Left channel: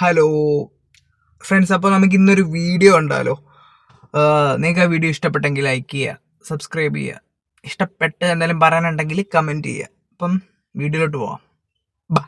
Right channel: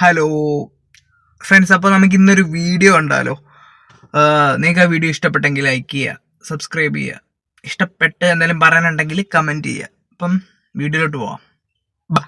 Hello friends, അപ്പോൾ നമുക്ക് ഇന്നൊരു വീഡിയോ ഉണ്ടല്ലോ. നിങ്ങൾക്ക് ആ വീഡിയോ ഇഷ്ടപ്പെട്ടെങ്കിൽ ലൈക്ക് ചെയ്യുക, സബ്സ്ക്രൈബ് ചെയ്യുക, ഇഷ്ടപ്പെട്ട് എന്തെങ്കിലും പറയാനുണ്ടെങ്കിൽ കമൻറ്റ് ചെയ്യുക. അപ്പം വീഡിയോയിലോട്ട് പോവാം. ബാ.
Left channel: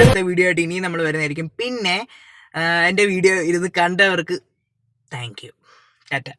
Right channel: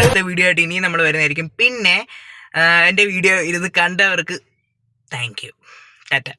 അടുത്ത വീഡിയോ ആയിട്ട് ഇനി നമ്മൾ വരുന്നതായിരിക്കും. പിന്നെ എൻ്റെ വീഡിയോ ഇരുന്ന് കണ്ടവർക്ക് താങ്ക് യു. ടാറ്റ.